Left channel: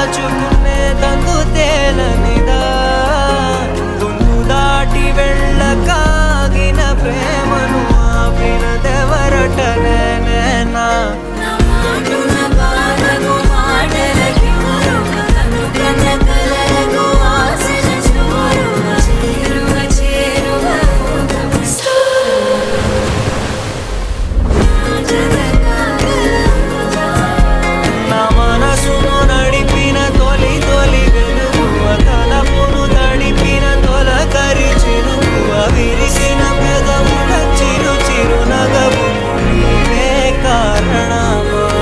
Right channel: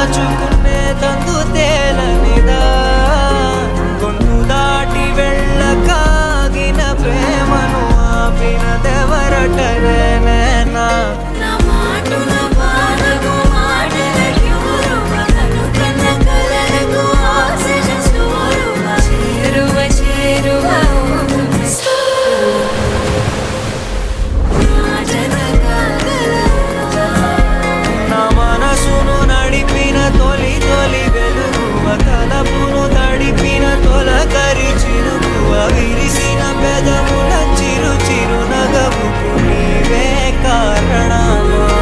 దాచుకునే తందు తేలనిదా గొంతు దాటి వెళ్ళకాగిన ప్రేమను ఆపినదెవరట నేనేనా తొలి తొలి వెలుగువ తలపును తడిపిన తొలకరి చిరుకువ విరిసిన పెదముల చిరు చిరు నగవుకు నీవే కారణమా